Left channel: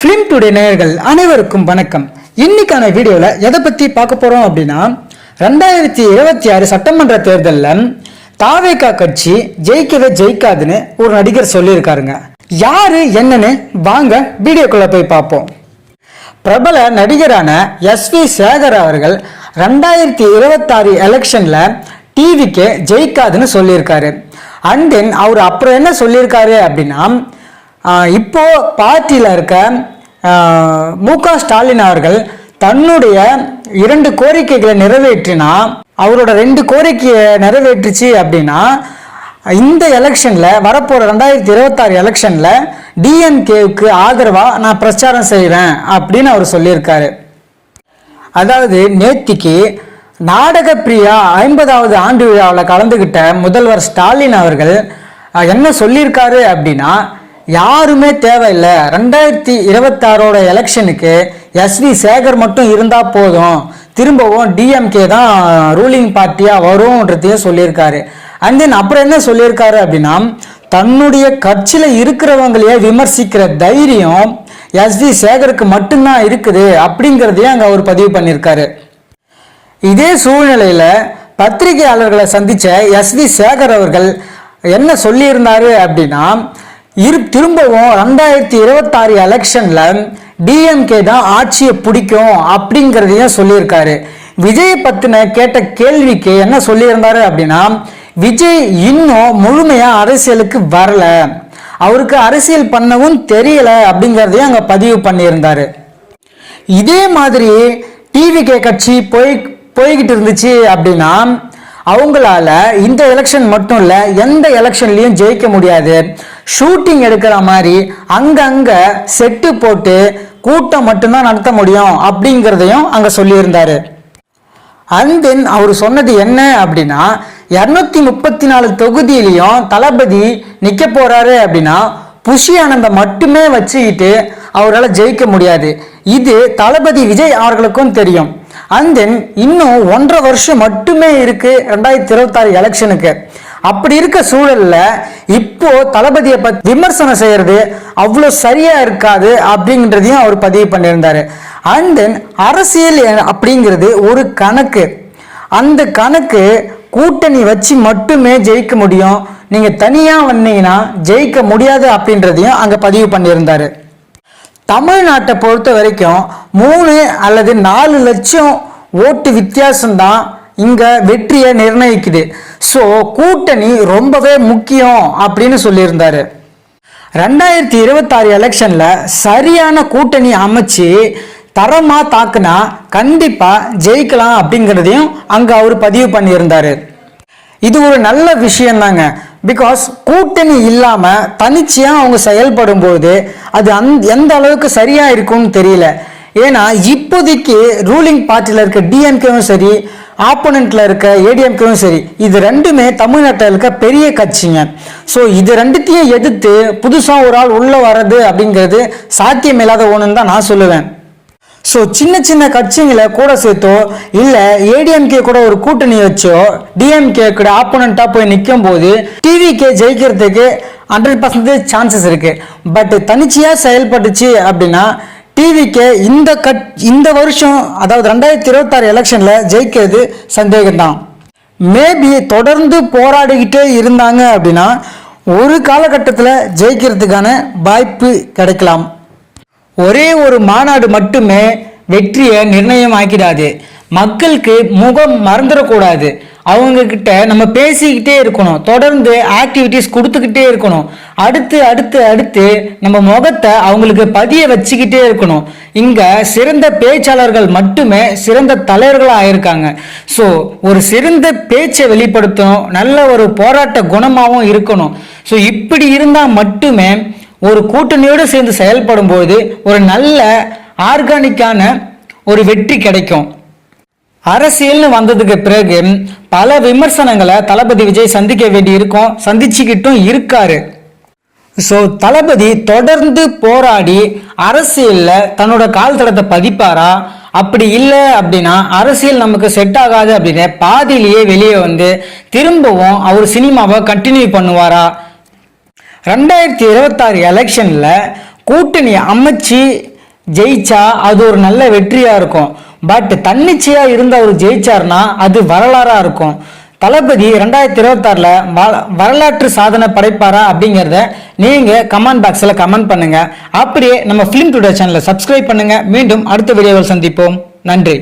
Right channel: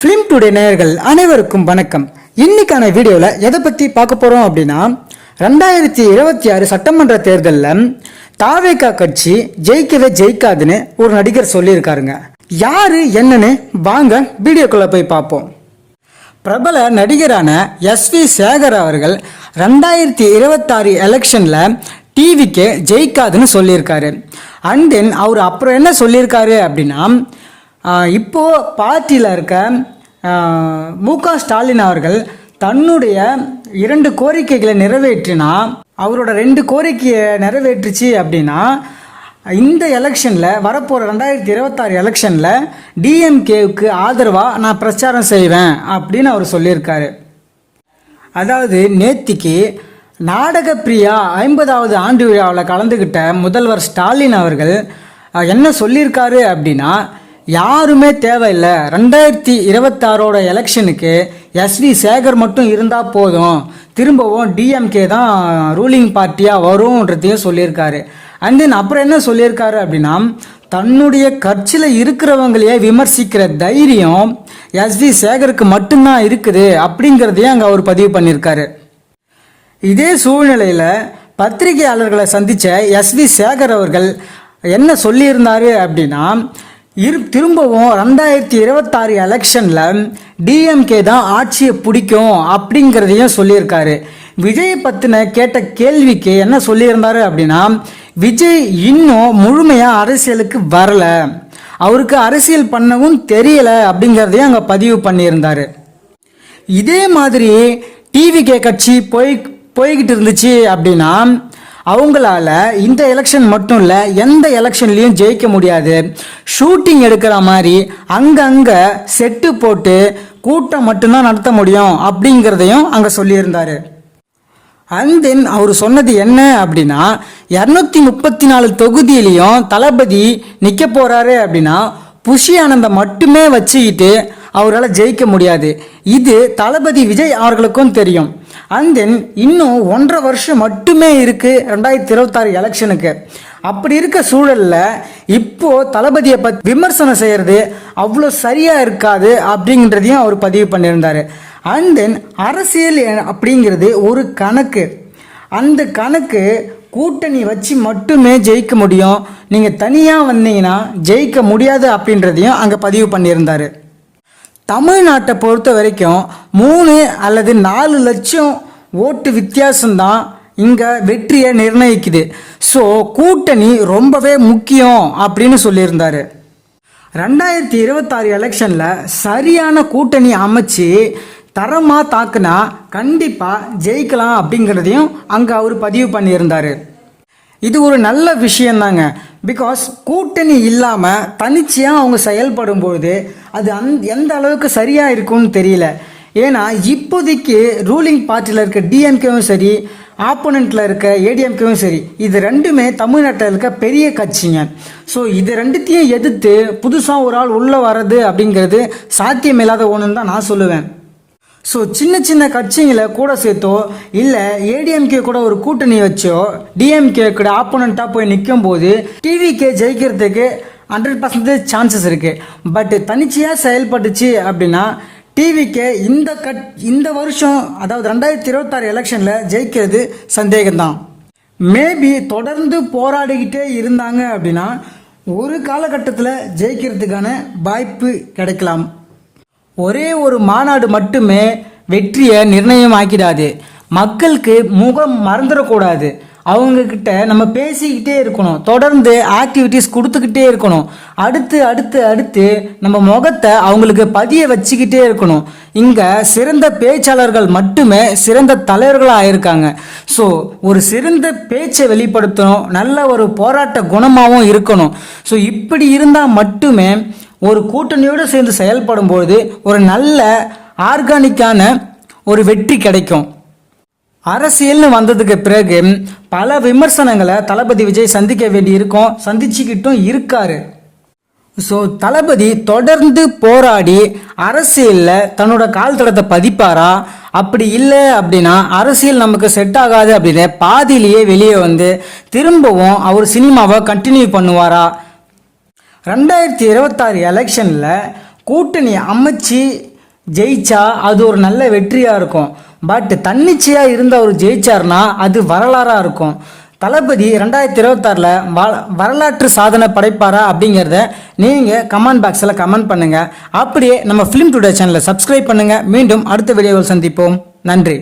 Film today நேயர்கள் அனைவருக்கும் வணக்கம். இன்னைக்கான வீடியோவில் எதை பற்றி பார்க்க போகிறோம் அப்படின்னா ரெண்டாயிரத்தி இருபத்தி ஆறு சட்டமன்ற தேர்தலில் தாவேகா கட்சி ஜெயிக்கவே ஜெயிக்காதுன்னு ஒரு நடிகர் சொல்லியிருக்காருங்க. யாரு என்னன்னு வாங்க வீடியோக்குள்ள போய் பார்ப்போம். பிரபல நடிகரான எஸ் வி சேகர் அவர்கள் ரெண்டாயிரத்தி இருபத்தாறு எலெக்ஷனில் டிவிக்கு ஜெயிக்காதுன்னு சொல்லியிருக்காரு. அண்ட் தென் அவர் அப்புறம் என்ன சொல்லியிருக்காரு அப்படின்னா இப்போ பார்ட்டியில் இருக்க மு க ஸ்டாலின் அவர்கள் தன்னுடைய இரண்டு கோரிக்கைகளை நிறைவேற்றினா அவரோட ரெண்டு கோரிக்கையை நிறைவேற்றுச்சு அப்படின்னா இந்த எலெக்ஷனில் வரப்போகிற ரெண்டாயிரத்தி இருபத்தாறு எலெக்ஷனில் டிஎம்கேவுக்கு ஆதரவாக நான் பிரச்சாரம் செய்வேன் அப்படின்னு அவர் சொல்லியிருக்காரு. அதாவது நேத்திக்கு நாடக பிரியா ஐம்பதாவது ஆண்டு விழாவில் கலந்துக்கிட்ட முதல்வர் ஸ்டாலின் அவர்கள் என்ன சொல்லியிருக்காரு அப்படின்னா யாருமே தேவையில்லை. ரெண்டாயிரத்தி இருபத்தாறோட எலெக்ஷனுக்கு எஸ்வி சேகர் மட்டும் இருந்தால் போதும். திரும்பவும் டிஎம்கே தான் ரூலிங் பார்ட்டியாக வரும்ன்றதையும் சொல்லியிருக்காரு. அண்ட் தென் அப்புறம் என்ன சொல்லியிருக்காரு அப்படின்னா தன்னுடைய கட்சியில் இருக்கிறவங்களையே விமர்சிக்கிற தைரியம் எஸ்வி சேகருக்கு மட்டும்தான் இருக்குது அப்படிங்கிறதையும் அங்கே அவர் பதிவு பண்ணியிருக்காரு. இதே சூழ்நிலையில் பத்திரிகையாளர்களை சந்தித்த எஸ்வி சேகர் அவர்கள் என்ன சொல்லியிருந்தாரு அப்படின்னா இரு திரும்பவும் ரெண்டாயிரத்தி இருபத்தாறு எலெக்ஷன்ல டிஎம்கே தான் ஆட்சியை பிடிக்கும் அப்படிங்கிறதையும் சொல்லியிருக்காரு. விஜய் பத்தின கேட்ட கேள்விக்கு என்ன சொல்லியிருந்தாரு அப்படின்னா விஜய் இன்னும் முழுமையா அரசியலுக்கு வரல. அவருக்கு அரசியல் பண்ணவும் தெரியல அப்படிங்கிறதையும் அங்க பதிவு பண்ணியிருந்தாரு. இதே மாதிரி டிவிகே கட்சி போய் போய்கிட்டு இருந்துச்சு அப்படின்னா அவங்களால இந்த எலெக்ஷன் மட்டும் இல்ல எந்த எலெக்ஷன்லயும் ஜெயிக்க முடியாது. ஷூட்டிங் எடுக்கிற மாதிரி அங்கங்க செட்டு போட்டு கூட்டம் மட்டும்தான் நடத்த முடியும் அப்படிங்கிறதையும் அங்க சொல்லியிருந்தாரு. அண்ட் தென் அவர் சொன்னது என்ன அப்படின்னா இரநூத்தி முப்பத்தி நாலு தொகுதியிலையும் தளபதி நிக்க போறாரு அப்படின்னா புஷி ஆனந்த மட்டுமே வச்சுக்கிட்டு அவரால் ஜெயிக்க முடியாது. இது தளபதி விஜய் அவர்களுக்கும் தெரியும். அண்ட் தென் இன்னும் ஒன்றரை வருஷம் மட்டுமே இருக்கு ரெண்டாயிரத்தி இருபத்தாறு எலெக்ஷனுக்கு அப்படி இருக்க சூழல்ல இப்போ தளபதியை பத்தி விமர்சனம் செய்யறது அவ்வளோ சரியா இருக்காது அப்படின்றதையும் அவர் பதிவு பண்ணியிருந்தாரு. அண்ட் தென் அரசியல் அப்படிங்கிறது ஒரு கணக்கு. அந்த கணக்கு கூட்டணி வச்சு மட்டுமே ஜெயிக்க முடியும். நீங்க தனியா வந்தீங்கன்னா ஜெயிக்க முடியாது அப்படின்றதையும் அங்க பதிவு பண்ணியிருந்தாரு. தமிழ்நாட்டை பொறுத்த வரைக்கும் மூணு அல்லது நாலு லட்சம் ஓட்டு வித்தியாசம்தான் இங்க வெற்றியை நிர்ணயிக்குது. ஸோ கூட்டணி ரொம்பவே முக்கியம் அப்படின்னு சொல்லியிருந்தாரு. ரெண்டாயிரத்தி இருபத்தாறு எலெக்ஷன்ல சரியான கூட்டணி அமைச்சு தரமா தாக்குனா கண்டிப்பா ஜெயிக்கலாம் அப்படிங்கிறதையும் அங்க அவர் பதிவு பண்ணியிருந்தாரு. இது ஒரு நல்ல விஷயந்தாங்க. பிகாஸ் கூட்டணி இல்லாமல் தனிச்சையாக அவங்க செயல்படும் போது அது அந் எந்த அளவுக்கு சரியாக இருக்கும்னு தெரியல. ஏன்னா இப்போதைக்கு ரூலிங் பார்ட்டியில் இருக்க டிஎம்கேவும் சரி ஆப்போனண்ட்ல இருக்க ஏடிஎம்கேவும் சரி இது ரெண்டுமே தமிழ்நாட்டில் இருக்க பெரிய கட்சிங்க. ஸோ இது ரெண்டுத்தையும் எதிர்த்து புதுசாக ஒரு ஆள் உள்ள வர்றது அப்படிங்கிறது சாத்தியமில்லாத ஒன்றுன்னு தான் நான் சொல்லுவேன். ஸோ சின்ன சின்ன கட்சிங்களை கூட சேர்த்தோ இல்லை ஏடிஎம்கே கூட ஒரு கூட்டணி வச்சோ டிஎம்கே கூட ஆப்போனண்ட்டாக போய் நிற்கும் போது டிவிகே ஜெயிக்கிறதுக்கு ஹண்ட்ரட் பர்சன்டேஜ் சான்சஸ் இருக்குது பட் தனிச்சையாக செயல்பட்டுச்சு அப்படின்னா டிவிக்கு இந்த கட் இந்த வருஷம் அதாவது ரெண்டாயிரத்தி இருபத்தாறு எலெக்ஷனில் ஜெயிக்கிறது சந்தேகம்தான். மேபி தொடர்ந்து போராடிக்கிட்டே இருந்தாங்க அப்படின்னா ஒரு காலகட்டத்தில் ஜெயிக்கிறதுக்கான வாய்ப்பு கிடைக்கலாம். ஒரே ஒரு மாநாடு மட்டுமே வெற்றியை நிர்ணயம் ஆக்கிடாது மக்களுக்கு முகம் மறந்துடக்கூடாது. அவங்க கிட்ட நம்ம பேசிக்கிட்டே இருக்கணும். தொடர்ந்து ஆக்டிவிட்டிஸ் கொடுத்துக்கிட்டே இருக்கணும். அடுத்து அடுத்து அடுத்து நம்ம முகத்தை அவங்களுக்கு பதிய வச்சுக்கிட்டே இருக்கணும். இங்க சிறந்த பேச்சாளர்கள் மட்டுமே சிறந்த தலைவர்களா ஆயிருக்காங்க. ஸோ ஒரு சிறந்த பேச்சை வெளிப்படுத்தணும். நல்ல ஒரு போராட்ட குணமாகவும் இருக்கணும். ஸோ இப்படி இருந்தால் மட்டுமே ஒரு கூட்டணியோடு சேர்ந்து செயல்படும் பொழுது ஒரு நல்ல ஆர்கானிக்கான ஒரு வெற்றி கிடைக்கும். அரசியல்னு வந்ததுக்கு பிறகு பல விமர்சனங்களை தளபதி விஜய் சந்திக்க வேண்டி இருக்கும் சந்திச்சுக்கிட்டும் இருக்காரு. ஸோ தளபதி தொடர்ந்து போராடி அரசியல்ல தன்னோட கால் தடத்தை பதிப்பாரா? அப்படி இல்லை அப்படின்னா அரசியல் நமக்கு செட் ஆகாது அப்படின்னு பாதியிலேயே வெளியே வந்து திரும்பவும் அவர் சினிமாவை கண்டினியூ பண்ணுவாரா? ரெண்டாயிரத்தி இருபத்தாறு எலெக்ஷனில் கூட்டணி அமைச்சு ஜெயிச்சா அது ஒரு நல்ல வெற்றியா இருக்கும். பட் தன்னிச்சையா இருந்து அவர் ஜெயிச்சார்னா அது வரலாறா இருக்கும். தளபதி ரெண்டாயிரத்தி இருபத்தாறுல வரலாற்று சாதனை படைப்பாரா அப்படிங்கிறத நீங்க கமெண்ட் பாக்ஸ்ல கமெண்ட் பண்ணுங்க. அப்படியே நம்ம ஃபிலிம் டுடே சேனலை சப்ஸ்கிரைப் பண்ணுங்க. மீண்டும் அடுத்த வீடியோவில் சந்திப்போம். நன்றி.